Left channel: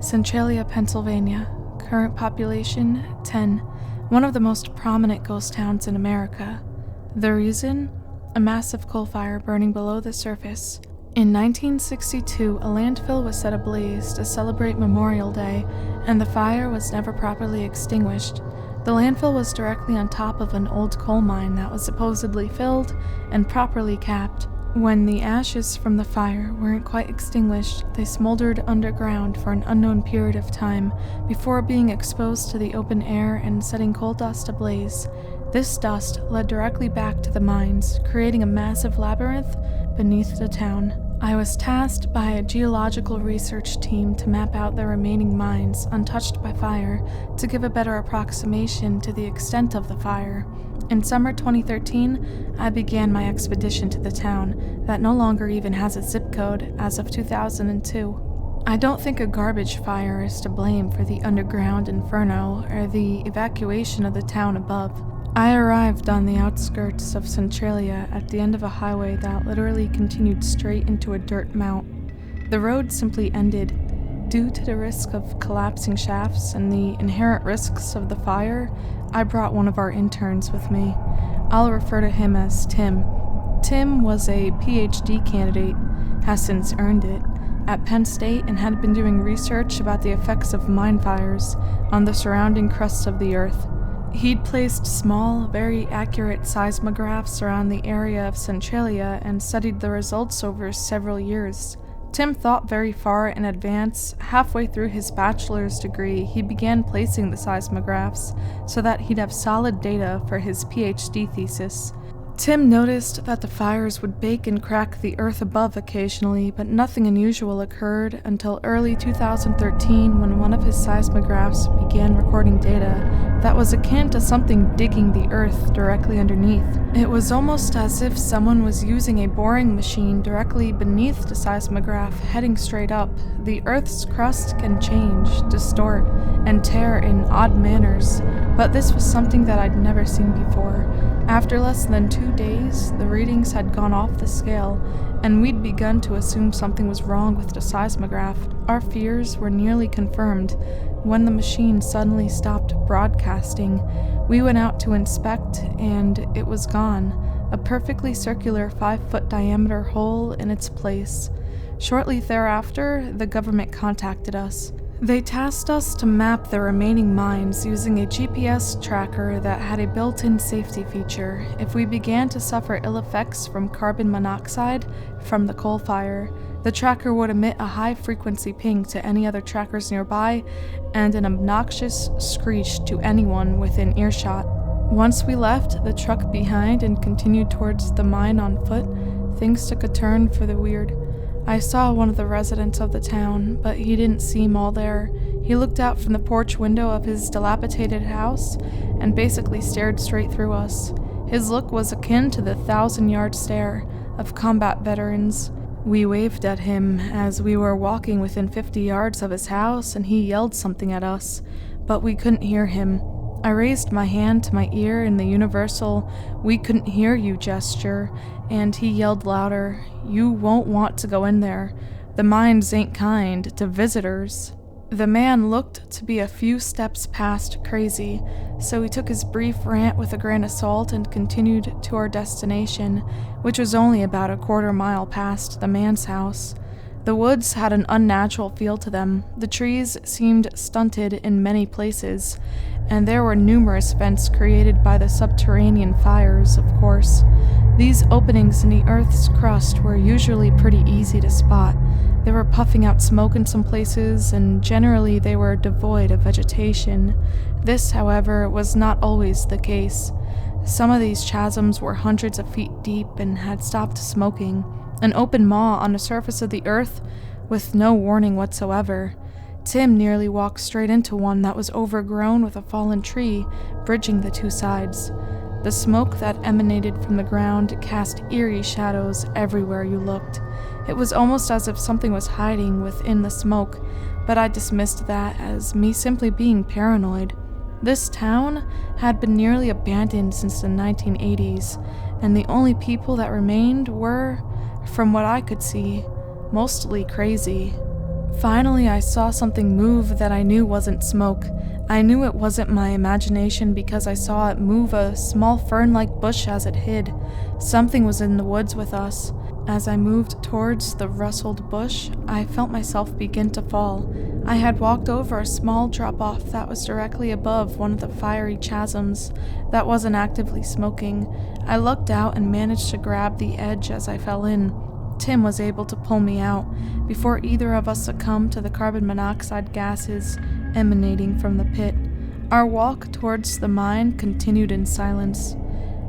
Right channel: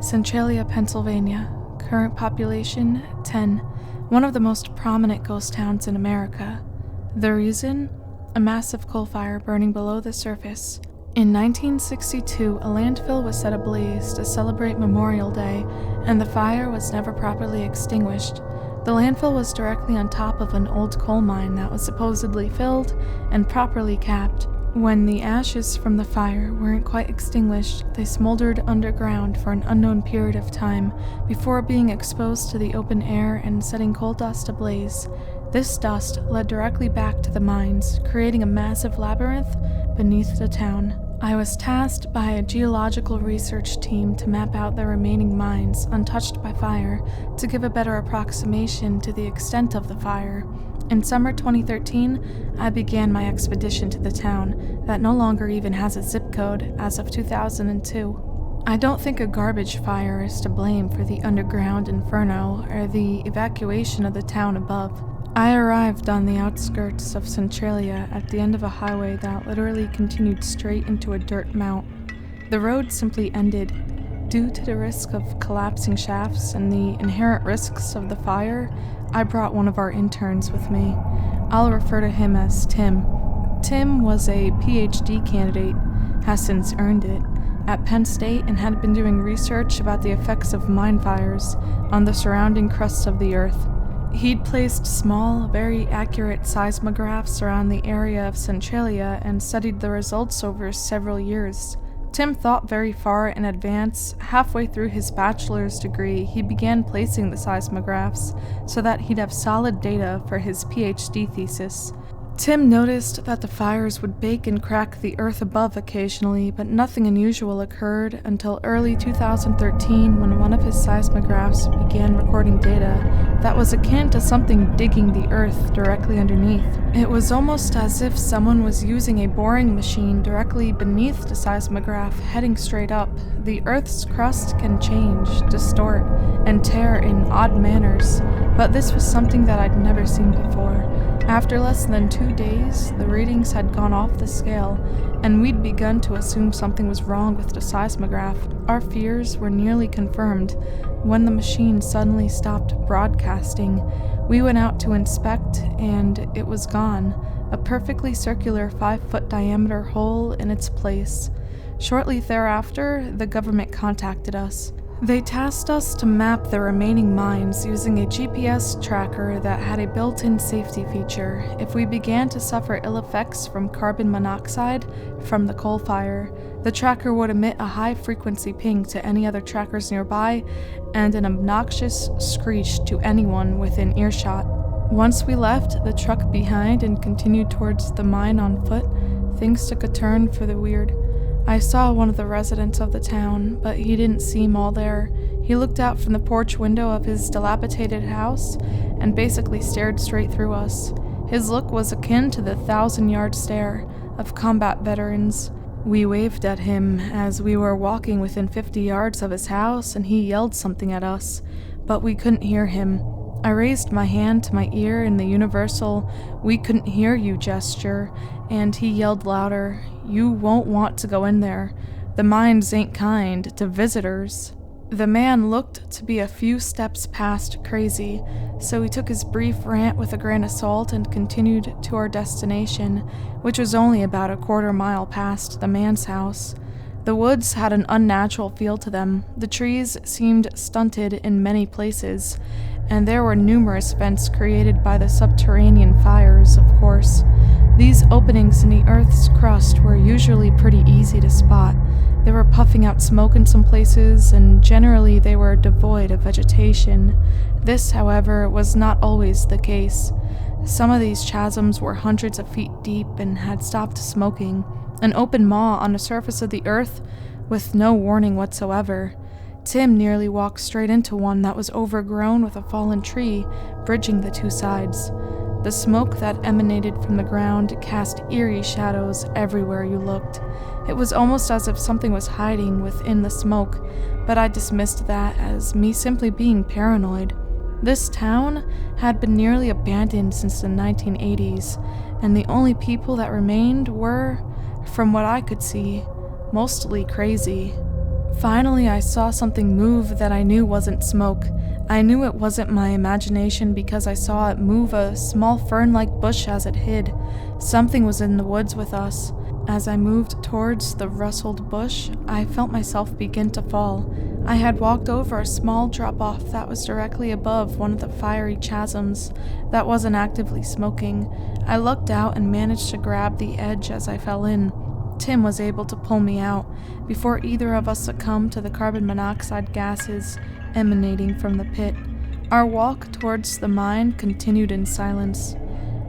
Centralia, Pennsylvania. Current population, 10. One of the most prominent ghost towns in America. The reason? A massive coal fire burning below the surface. In 1962, a landfill was set ablaze to celebrate Memorial Day, and the fire was never properly extinguished. The landfill was directly on top of an old coal mine that was supposedly filled and properly capped. When the ashes from the fire weren't quite extinguished, they smoldered underground for an unknown period of time before being exposed to the open air and setting coal dust ablaze. This dust led directly back to the mines, creating a massive labyrinth beneath the town. I was tasked by a geological research team to map out the remaining mines untouched by fire to give a better approximation to the extent of the fire. In summer 2013, I began my expedition to the town that no longer even has a zip code as of 2002. I don't think a garbage fire is to blame for the underground inferno or the evacuation of the town above. I arrived on the outskirts of Centralia at the end of a highway that literally continued straight into a dirt mount. The road simply ended. Due to the risk of collapsing shafts and the inherent risks of the fire, I brought one of our interns with me. I'll refer to him as Tim. Tim was a PhD candidate, has since earned it, at Penn State and had been doing research about the effects of mine fires on the surrounding crust of the earth. He'd placed small, very accurate seismographs around the area of Centralia and studied the results over several years. Tim thought very far in advance. Halfway through his bachelor's degree, he began placing the seismographs so that he'd have solid data for his PhD thesis. Tim noticed that the fires would bake and crack the earth above occasionally, but nothing unusual occurred until early 2013 when one of his seismographs began recording data that was akin to something digging the earth directly underneath. It was almost as if someone was using a boring machine directly beneath the seismograph, heading straight up. The earth's crust can change, distort, and tear in odd manners, but this was something that I'd never seen before. After less than 2 days, the readings had gone off the scale, and we'd begun to assume something was wrong with the seismograph. Our fears were nearly confirmed when the machine suddenly stopped broadcasting. We went out to inspect, and it was gone, a perfectly circular 5-foot diameter hole in its place. Shortly thereafter, the government contacted us. They tasked us to map the remaining mines using a GPS tracker that had a built-in safety feature. If we began to suffer ill effects from carbon monoxide from the coal fire, the tracker would emit a high-frequency ping to any other trackers nearby and an obnoxious screech to anyone within earshot. Once we left the truck behind and continued towards the mine on foot, things took a turn for the weird. I saw one of the residents of the town, but he didn't seem all there. He looked out from the porch window of his dilapidated house and basically stared straight through us. His look was akin to the 1,000-yard stare of combat veterans. We waved at him as we were walking within 50 yards of his house, and he yelled something at us, but we couldn't hear him. I raised my hand to my ear in the universal "we couldn't hear you" gesture, and he yelled louder, "You won't want to go in there. The mines ain't kind to visitors." The man looked to be a few steps past crazy, so we took his brief rant with a grain of salt and continued to our destination, which was only about a quarter mile past the man's house. The woods had an unnatural feel to them. The trees seemed stunted in many places, and there were numerous vents created by the subterranean fires, of course. These openings in the earth's crust were usually pretty easy to spot. They were puffing out smoke in some places, and generally they were devoid of vegetation. This, however, was not always the case. Some of these chasms were hundreds of feet deep and had stopped smoking, an open maw on the surface of the earth with no warning whatsoever. Tim nearly walked straight into one that was overgrown with a fallen tree, bridging the two sides. The smoke that emanated from the ground cast eerie shadows everywhere you looked. It was almost as if something was hiding within the smoke, but I dismissed that as me simply being paranoid. This town had been nearly abandoned since the 1980s, and the only people that remained were, from what I could see, mostly crazy. Finally, I saw something move that I knew wasn't smoke. I knew it wasn't my imagination because I saw it move a small fern-like bush as it hid. Something was in the woods with us. As I moved towards the rustled bush, I felt myself begin to fall. I had walked over a small drop-off that was directly above one of the fiery chasms that wasn't actively smoking. I looked out and managed to grab the edge as I fell in. Tim was able to pull me out before either of us succumbed to the carbon monoxide gases emanating from the pit. Our walk towards the mine continued in silence.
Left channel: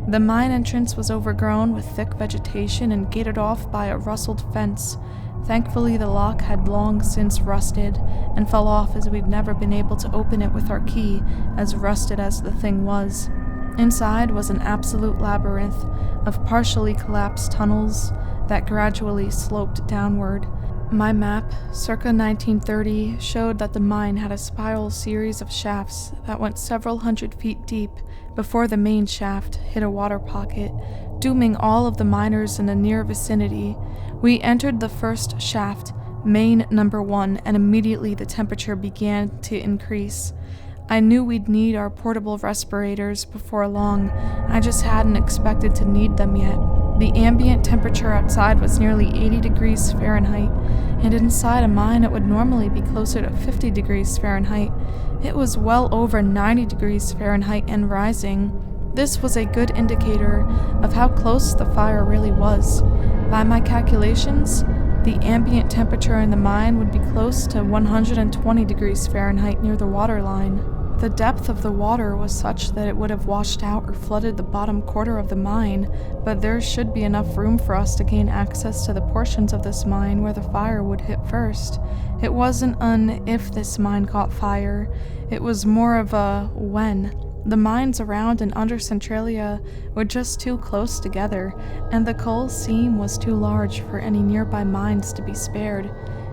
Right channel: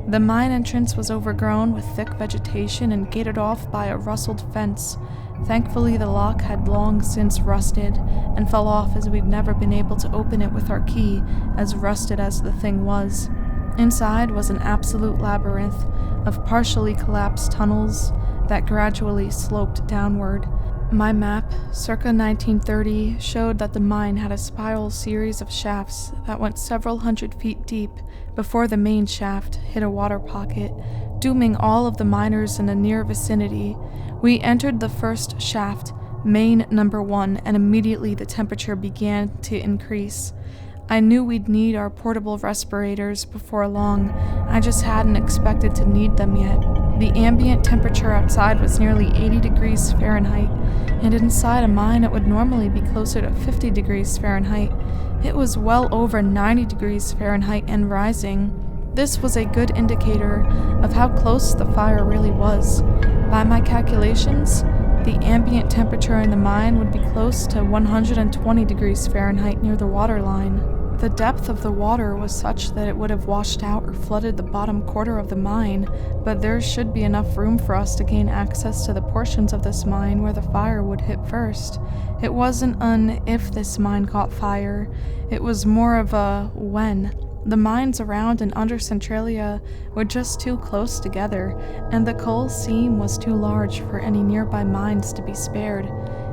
The mine entrance was overgrown with thick vegetation and gated off by a rustled fence. Thankfully, the lock had long since rusted and fell off as we'd never been able to open it with our key, as rusted as the thing was. Inside was an absolute labyrinth of partially collapsed tunnels that gradually sloped downward. My map, circa 1930, showed that the mine had a spiral series of shafts that went several hundred feet deep before the main shaft hit a water pocket, dooming all of the miners in the near vicinity. We entered the first shaft, main number 1, and immediately the temperature began to increase. I knew we'd need our portable respirators before long. I just hadn't expected to need them yet. The ambient temperature outside was nearly 80 degrees Fahrenheit, and inside a mine it would normally be closer to 50 degrees Fahrenheit. It was well over 90 degrees Fahrenheit and rising. This was a good indicator of how close the fire really was. By my calculations, the ambient temperature in the mine would be close to 120 degrees Fahrenheit near the water line. The depth of the water was such that it would have washed out or flooded the bottom quarter of the mine, but there should be enough room for us to gain access to the portions of this mine where the fire would hit first. It wasn't an if this mine caught fire, it was more of a when. The mines around and under Centralia were just too close together, and the coal seam was too large for any nearby mines to be spared.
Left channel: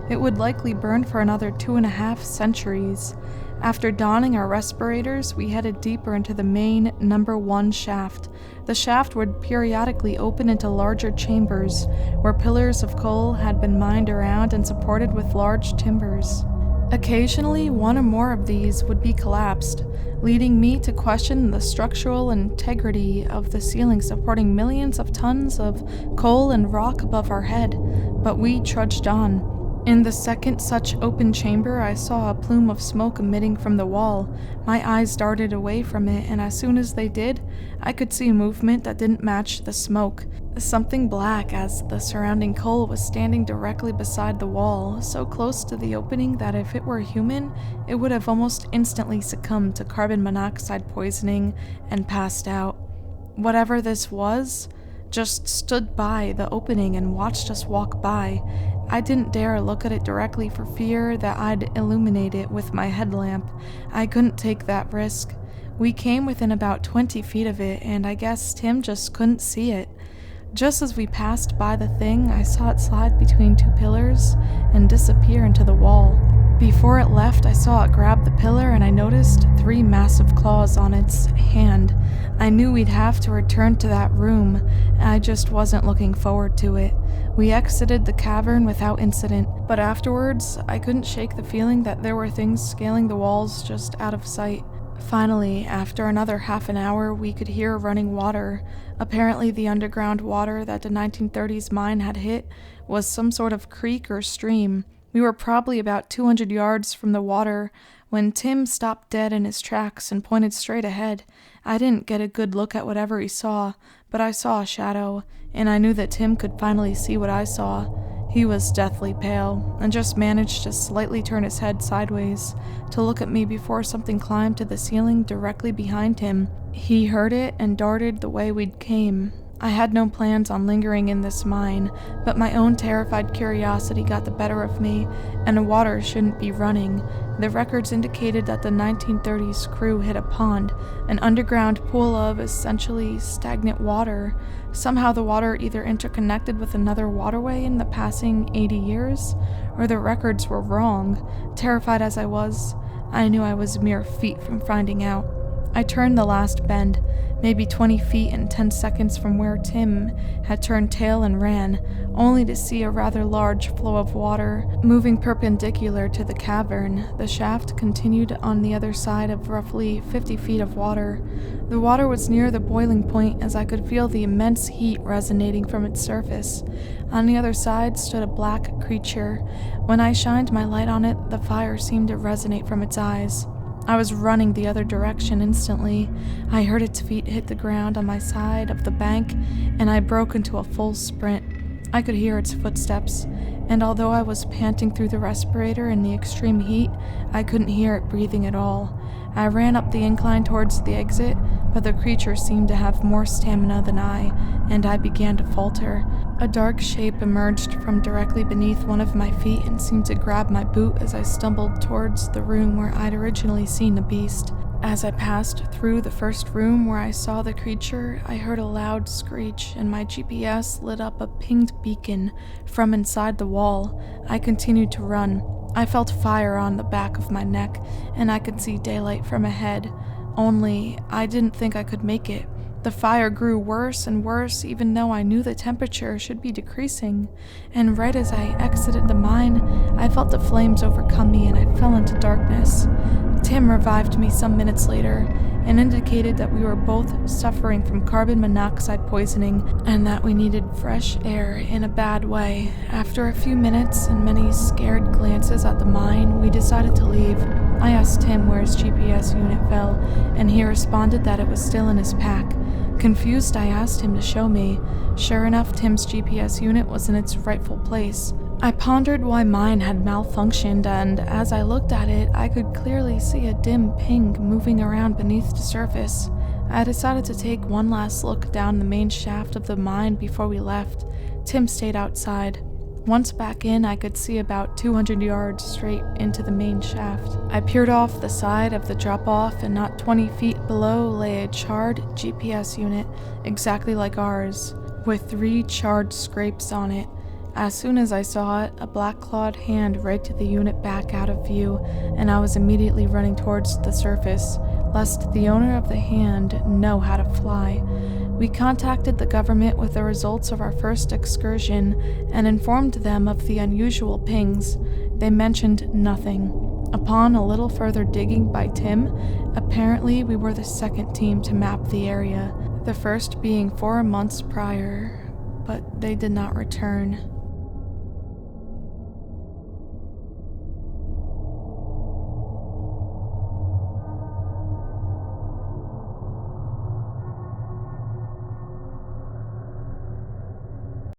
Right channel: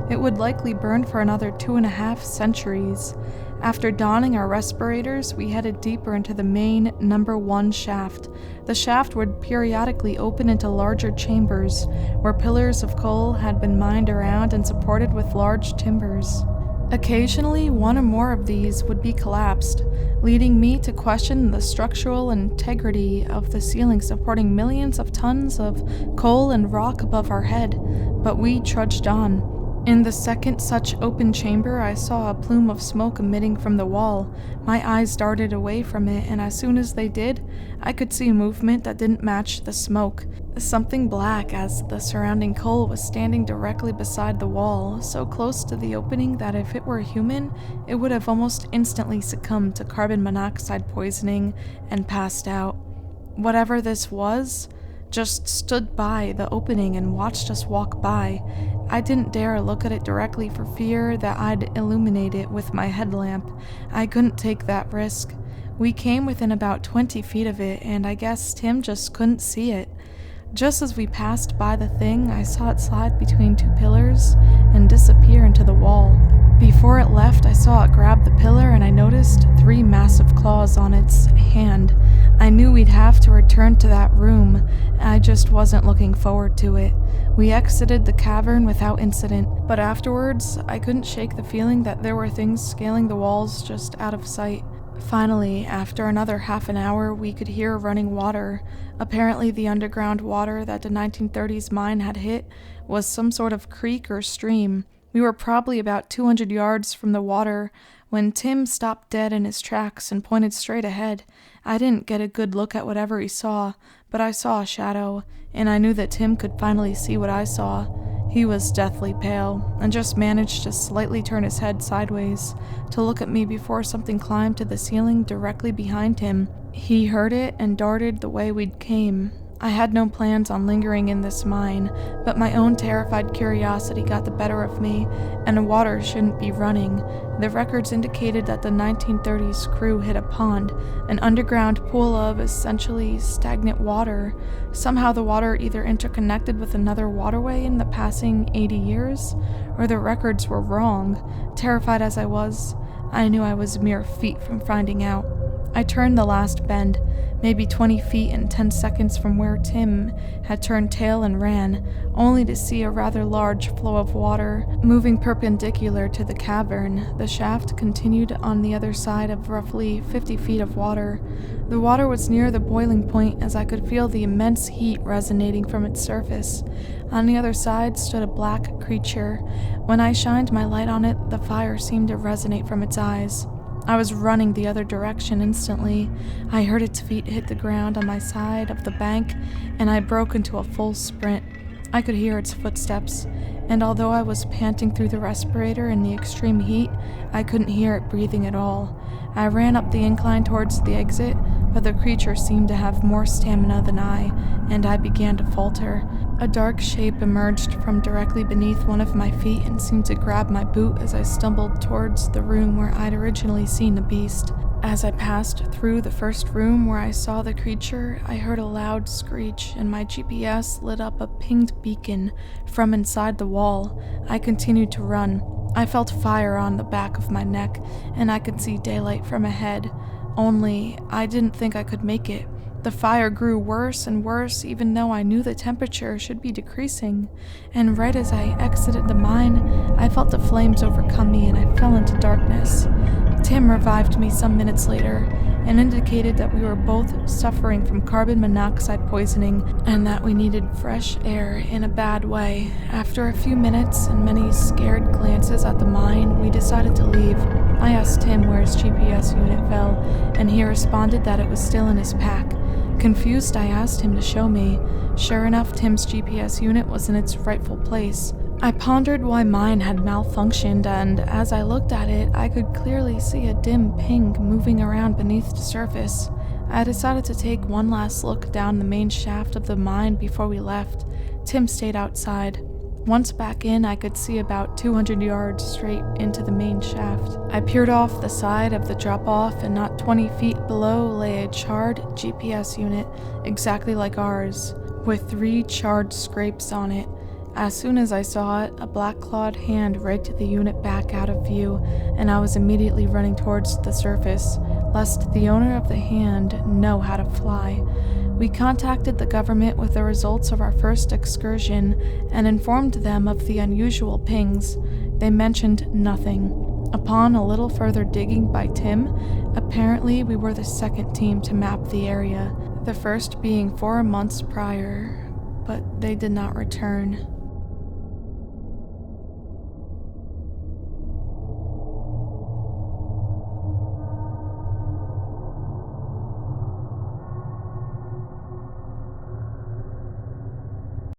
It would likely burn for another 2.5 centuries. After donning our respirators, we headed deeper into the main number 1 shaft. The shaft would periodically open into larger chambers, where pillars of coal had been mined around and supported with large timbers. Occasionally, one or more of these would be collapsed, leading me to question the structural integrity of the ceiling supporting millions of tons of coal and rock above our head, but we trudged on. In the second such open chamber, I saw a plume of smoke emitting from the wall. My eyes darted away from it, and as soon as they did, I could see movement that didn't match the smoke. Something black, as the surrounding coal was standing directly beside the wall, so close to the opening that if it were human, it would have almost instantly succumbed to carbon monoxide poisoning and passed out. Whatever this was, just stood by the opening and watched us walk by. I didn't dare look at it directly for fear that I'd illuminate it with my headlamp. I couldn't take that risk. We came within about 20 feet of it, and I guess Tim just couldn't see it. Just as we passed by the thing, I saw it slide between 2 pillars and disappear into the wall. Before it left, I saw it grab the pillar, and I noticed 3 massive claws on its hand. I knew we'd have to return to that room. I just wasn't looking forward to it. We exited the cavern without incident, but afterwards, I couldn't shake the feeling that there were things scaling the walls just out of sight. Finally, after another half an hour, we could hear running water. Apparently, the underground water that the 1930s mine had hit was some sort of creek or stream. We were probably about 200 yards from the water when Tim stopped dead in his tracks and pointed straight ahead. I didn't get a good look at whatever he saw, but I saw a shadow, and I knew that Tim could finally see what I saw. He was deathly pale, and just managed to slightly turn his head sideways to look at me before something climbed to the ceiling directly behind him. He heard it and darted the way we'd came. I had no plans on lingering in this mine, but my own terrified curiosity got the better of me, and the water shouldn't be running. The records indicated that the 1930s crew hit a pond, an underground pool of essentially stagnant water. Somehow the water either interconnected with another waterway in the passing 80 years, or the records were wrong. Terrified as I was, I knew I was mere feet from finding out. I turned the last bend, maybe 20 feet and 10 seconds from where Tim had turned tail and ran, only to see a rather large flow of water moving perpendicular to the cavern. The shaft continued on the other side of roughly 50 feet of water. The water was near the boiling point as I could feel the immense heat resonating from its surface. On the other side stood a black creature. When I shined my light on it, the fire seemed to resonate from its eyes. I was running the other direction instantly. I heard its feet hit the ground on my side of the bank, and I broke into a full sprint. I could hear its footsteps, and although I was panting through the respirator in the extreme heat, I couldn't hear it breathing at all. I ran up the incline towards the exit, but the creature seemed to have more stamina than I, and I began to falter. A dark shape emerged from directly beneath one of my feet and seemed to grab my boot as I stumbled towards the room where I'd originally seen the beast. As I passed through the first room where I saw the creature, I heard a loud screech, and my GPS lit up a pinged beacon from inside the wall. I continued to run. I felt fire on the back of my neck, and I could see daylight from ahead. Only, I didn't think I could make it. The fire grew worse and worse, even though I knew the temperature should be decreasing. And right as I exited the mine, I felt the flames overcome me and I fell into darkness. Tim revived me some minutes later and indicated that we were both suffering from carbon monoxide poisoning and that we needed fresh air in a bad way. After a few minutes and many scared glances at the mine, we decided to leave. I asked Tim where his GPS unit fell, and he responded that it was still in his pack. Confused, I asked him to show me. Sure enough, Tim's GPS unit was in its rightful place. I pondered why mine had malfunctioned, and as I looked at it, I could clearly see a dim ping moving around beneath the surface. I decided to take one last look down the main shaft of the mine before we left. Tim stayed outside. Once back in, I could see about 200 yards straight into the main shaft. I peered off the side of the drop-off, and not 20 feet below lay a charred GPS unit, exactly like ours, with 3 charred scrapes on it. As soon as I saw it, a black-clawed hand raked the unit back out of view, and I was immediately running towards the surface, lest the owner of the hand know how to fly. We contacted the government with the results of our first excursion and informed them of the unusual pings. They mentioned nothing. Upon a little further digging by Tim, apparently we were the second team to map the area, the first being 4 months prior, but they did not return.